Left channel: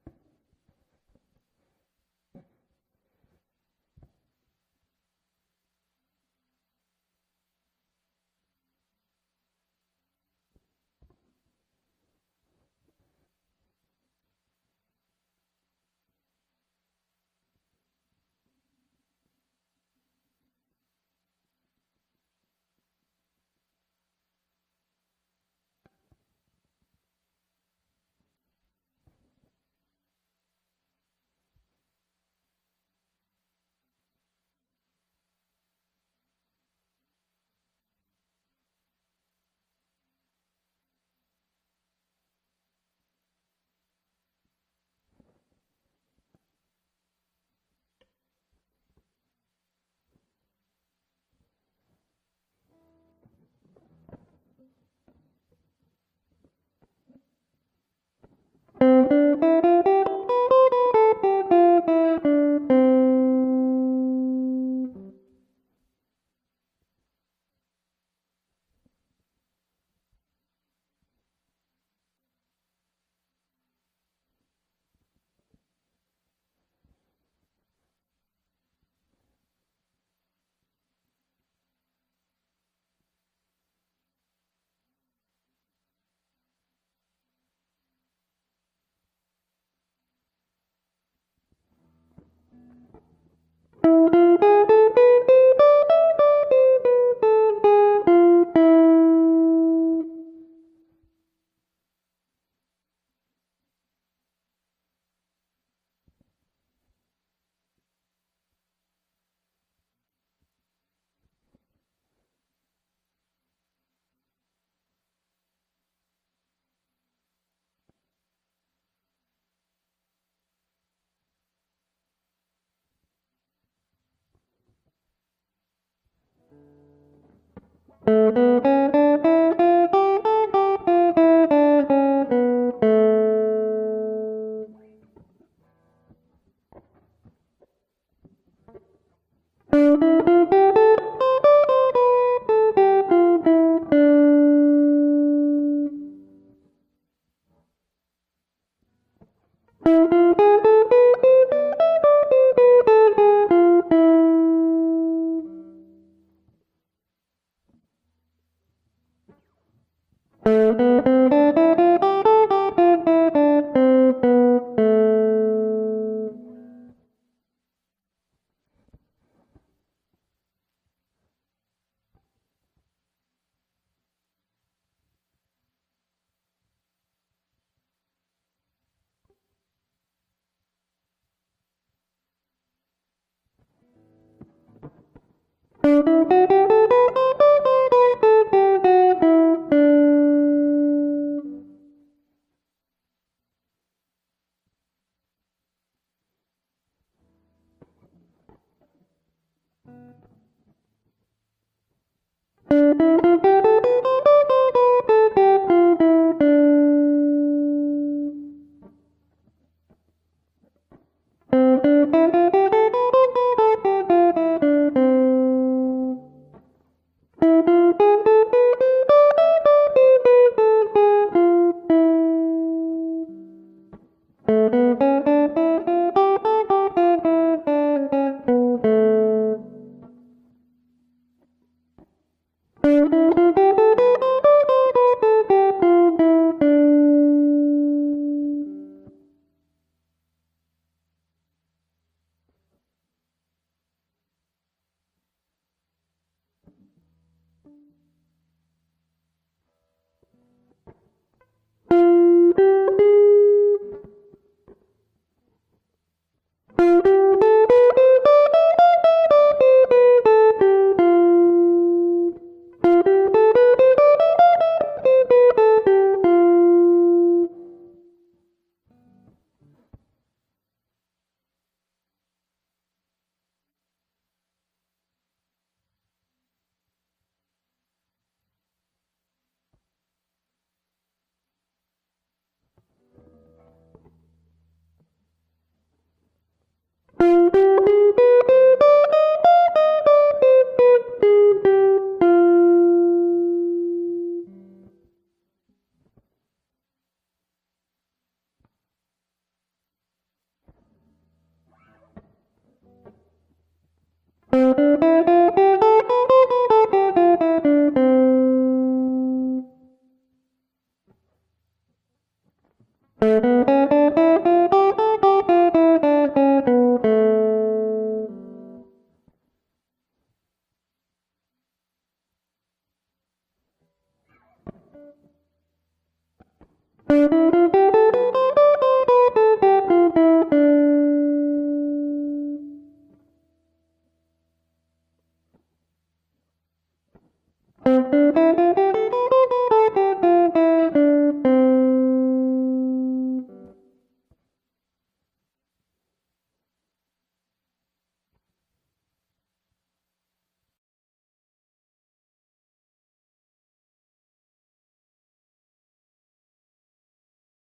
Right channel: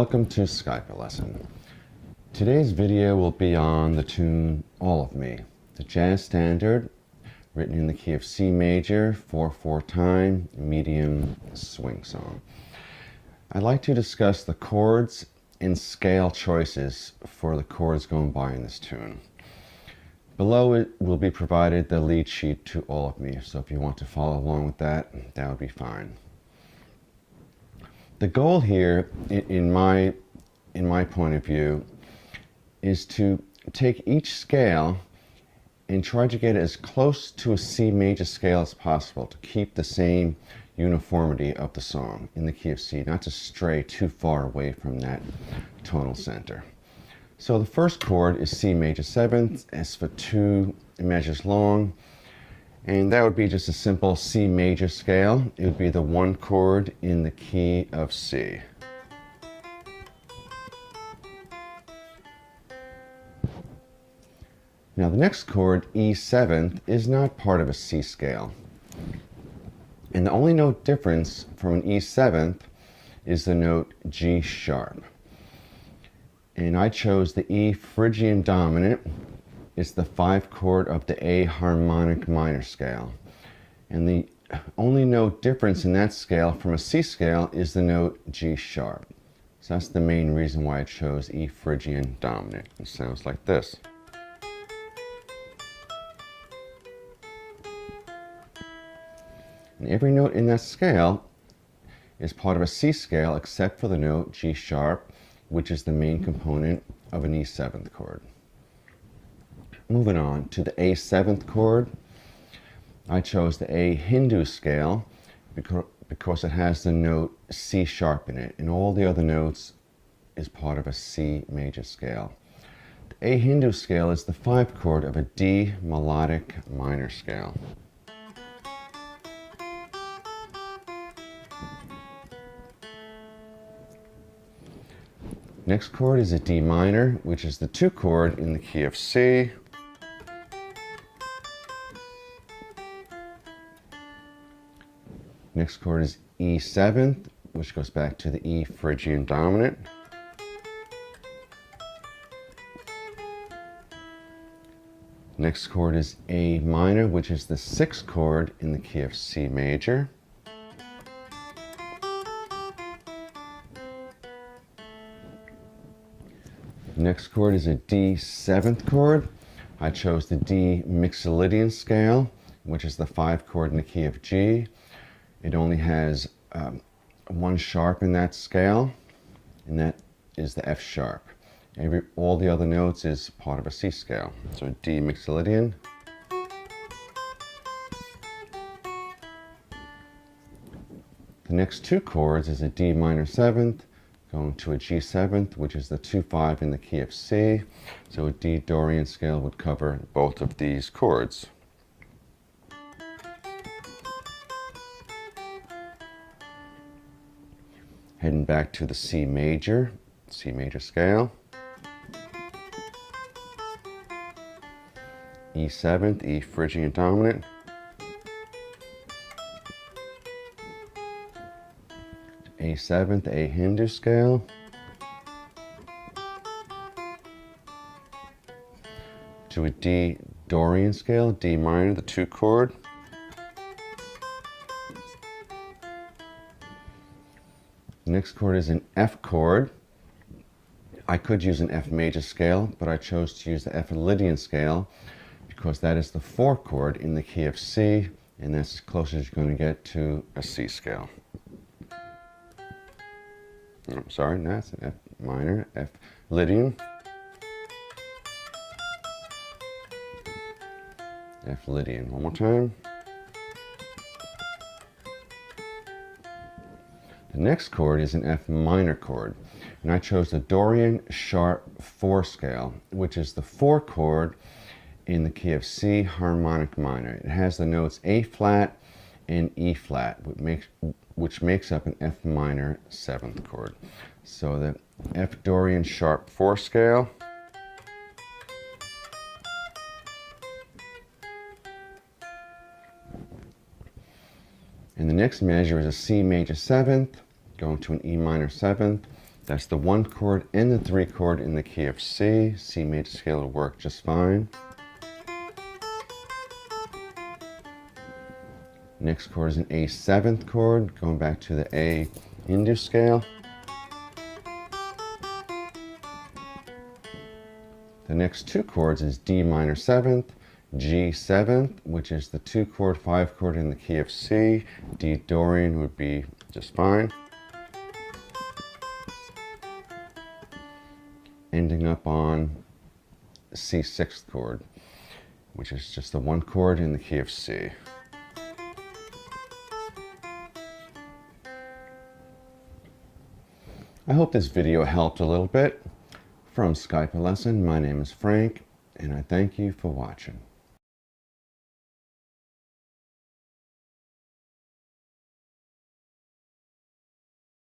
Welcome to Skype lesson. Today's video will be on the tune All of Me, the jazz standard written in the key of C major, 4/4 time, medium swing song. I'd like to discuss the chords and scale choices for the chords going by in this tune. Below it will be provided the lead sheet to All of Me, so if you want to follow along with that, that would be fine. The goal here, in my point of view, is to take each scale and try to get as close to a C major scale as possible to keep the same uniformity of the song in the key of C, not to stray too far away from that tonal center. So the first chord is C major 7th, it's for 2 measures long, and that would be just a simple C major scale. It would be the 1 chord in the key of C. Now the next chord, E 7th, is not part of a C scale. And the only note difference from an E 7th is the note G sharp. And I chose the E Phrygian dominant. It's the 5 chord of the A harmonic minor scale. And the only note difference in that scale from a C scale is the note G sharp. So that's the main reason why I chose E Phrygian dominant. It sounds like this. And every note in that scale is part of a C scale except for the note G sharp, which is the main component of an E 7th chord. Moving on to the A 7th chord, I chose the A Hindu scale because it has the note C sharp in it, and all the other notes is part of a C major scale. The A Hindu scale is the 5 chord of a D melodic minor scale. Next chord is a D minor, which is the 2 chord in the key of C. Next chord is E 7th, which goes back to the E Phrygian dominant. Next chord is A minor, which is the 6th chord in the key of C major. Next chord is a D 7th chord. I chose the D Mixolydian scale, which is the 5 chord in the key of G. It only has 1 sharp in that scale, and that is the F sharp. All the other notes is part of a C scale. So D Mixolydian. The next 2 chords is a D minor 7th, going to a G 7th, which is the 2/5 in the key of C. So a D Dorian scale would cover both of these chords. Heading back to the C major scale. E 7th, E Phrygian dominant. A 7th, A Hindu scale. To a D Dorian scale, D minor, the 2 chord. The next chord is an F chord. I could use an F major scale, but I chose to use the F Lydian scale because that is the 4 chord in the key of C, and that's as close as you're going to get to a C scale. I'm sorry, no, it's an F minor, F Lydian. F Lydian, one more time. The next chord is an F minor chord, and I chose the Dorian sharp 4 scale, which is the 4 chord in the key of C harmonic minor. It has the notes A flat and E flat, which makes up an F minor 7th chord. So the F Dorian sharp 4 scale. And the next measure is a C major 7th, going to an E minor 7th. That's the 1 chord and the 3 chord in the key of C. C major scale will work just fine. Next chord is an A 7th chord, going back to the A Hindu scale. The next 2 chords is D minor 7th, G 7th, which is the 2 chord, 5 chord in the key of C. D Dorian would be just fine. Ending up on C 6th chord, which is just the 1 chord in the key of C. I hope this video helped a little bit. From Skype a Lesson, my name is Frank, and I thank you for watching.